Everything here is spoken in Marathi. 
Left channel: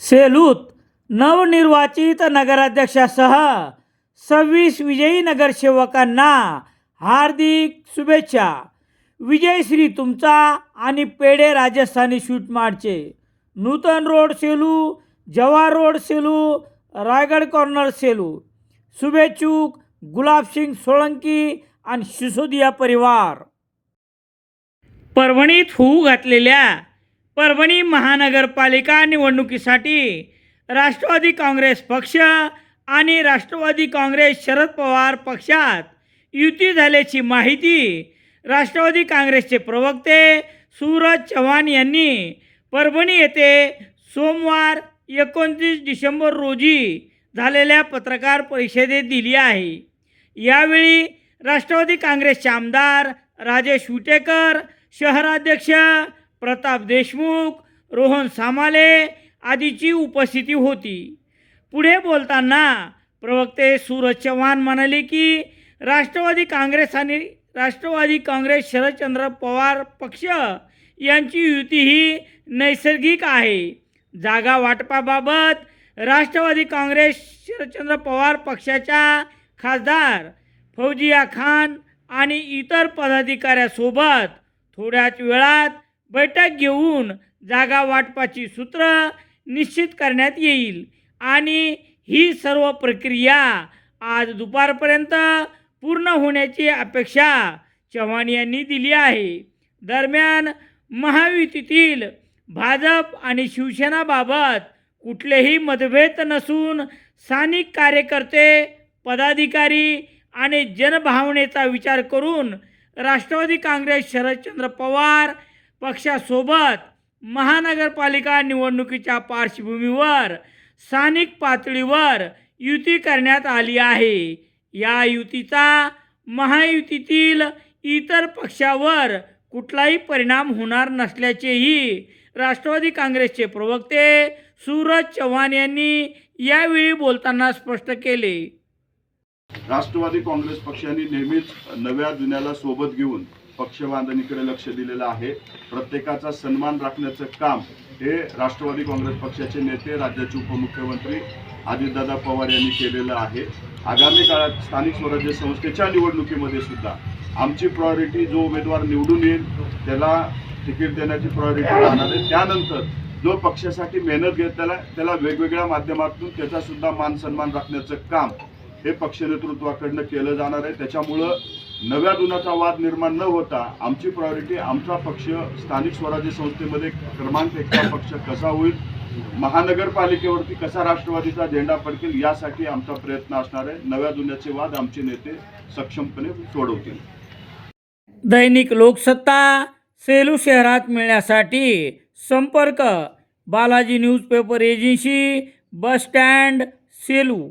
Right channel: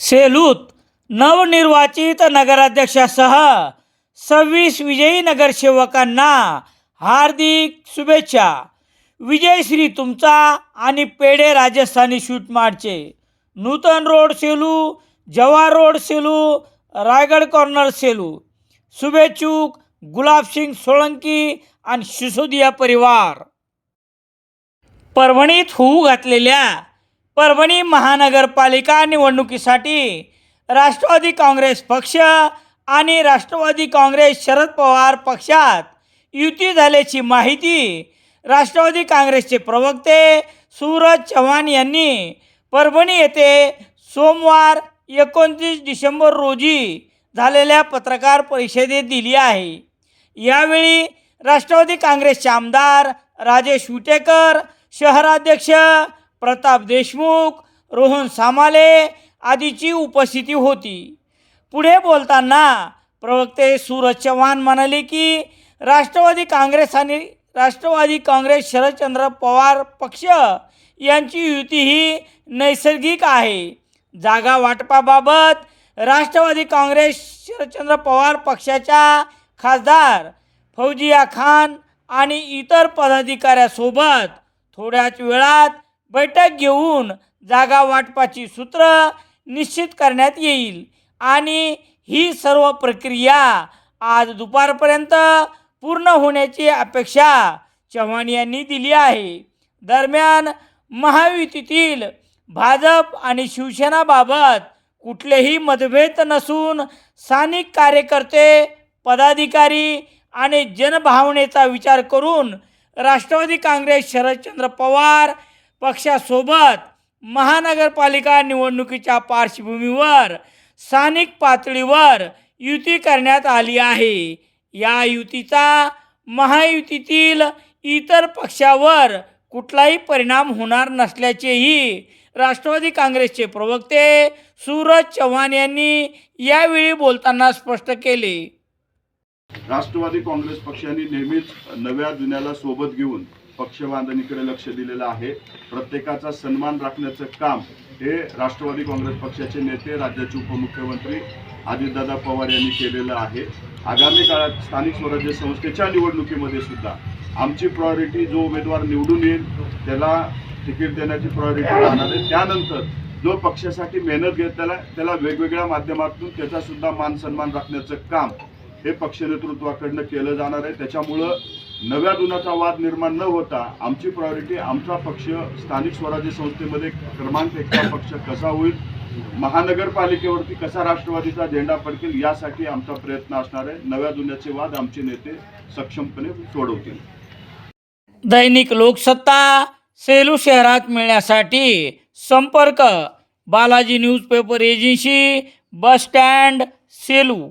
सेलूत नवनिर्वाचित नगराध्यक्षासह 26 विजयी नगरसेवकांना हार्दिक शुभेच्छा. विजयश्री तुमचा आणि पेढे राजस्थानी स्वीट मार्टचे. Nutan road Selu, Jawahar road Selu, Raigad corner Selu. शुभेच्छुक गुलाबसिंग सोळंकी आणि सिसोदिया परिवार. परभणीत होऊ घातलेल्या परभणी महानगरपालिका निवडणुकीसाठी राष्ट्रवादी काँग्रेस पक्ष आणि राष्ट्रवादी काँग्रेस शरद पवार पक्षात युती झाल्याची माहिती राष्ट्रवादी काँग्रेसचे प्रवक्ते सूरज चव्हाण यांनी परभणी येथे सोमवार 29 डिसेंबर रोजी झालेल्या पत्रकार परिषदेत दिली आहे. यावेळी राष्ट्रवादी काँग्रेसचे आमदार राजेश विटेकर, शहराध्यक्ष प्रताप देशमुख, रोहन सामाले आदींची उपस्थिती होती. पुढे बोलताना प्रवक्ते सूरज चव्हाण म्हणाले की राष्ट्रवादी काँग्रेस शरदचंद्र पवार पक्ष यांची युती ही नैसर्गिक आहे. जागा वाटपाबाबत राष्ट्रवादी काँग्रेस शरदचंद्र पवार पक्षाच्या खासदार फौजिया खान आणि इतर पदाधिकाऱ्यांसोबत थोड्याच वेळात बैठक घेऊन जागा वाटपाची सूत्र निश्चित करण्यात येईल आणि ही सर्व प्रक्रिया आज दुपारपर्यंत पूर्ण होण्याची अपेक्षा चव्हाण यांनी दिली आहे. दरम्यान महायुतीतील भाजप आणि शिवसेनाबाबत कुठलेही मतभेद नसून स्थानिक कार्यकर्ते, पदाधिकारी आणि जनभावनेचा विचार करून राष्ट्रवादी काँग्रेस शरदचंद्र पवार पक्षासोबत महानगरपालिका निवडणुकीच्या पार्श्वभूमीवर स्थानिक पातळीवर युती करण्यात आली आहे. या युतीचा महायुतीतील इतर पक्षावर कुठलाही परिणाम होणार नसल्याचेही राष्ट्रवादी काँग्रेसचे प्रवक्ते सूरज चव्हाण यांनी यावेळी बोलताना स्पष्ट केले. राष्ट्रवादी काँग्रेस पक्षाने नेहमीच नव्या जुन्याला सोबत घेऊन पक्षबांधणीकडे लक्ष दिलेलं आहे. प्रत्येकाचा सन्मान राखण्याचं काम हे राष्ट्रवादी काँग्रेस पक्षाचे नेते, राज्याचे उपमुख्यमंत्री अजितदादा पवार यांनी केलेलं आहे. आगामी काळात स्थानिक स्वराज्य संस्थेच्या निवडणुकीमध्ये सुद्धा आमची प्रायोरिटी जो उमेदवार निवडून येईल त्याला तिकीट देण्याची प्रायोरिटी राहणार आहे. त्यानंतर जो पक्षासाठी मेहनत घेत त्याला वेगवेगळ्या माध्यमातून त्याचा सुद्धा मान सन्मान राखण्याचं काम हे पक्ष नेतृत्वाकडनं केलं जाणार आहे. त्याच्यामुळं नव्या जुन्याचा वाद निर्माण न होता आमची प्रायोरिटी आमचा पक्ष स्थानिक स्वराज्य संस्थेमध्ये क्रमांक 1 पक्ष कसा होईल, महानगरपालिकेवरती कसा राष्ट्रवादीचा झेंडा फडकेल यासाठी आमचा प्रयत्न असणार आहे. नव्या जुन्याचे वाद आमचे नेते सक्षमपणे सोडवतील. दैनिक लोकसत्ता सेलू शहरात मिळण्यासाठी संपर्क Balaji newspaper agency, bus stand, Selu.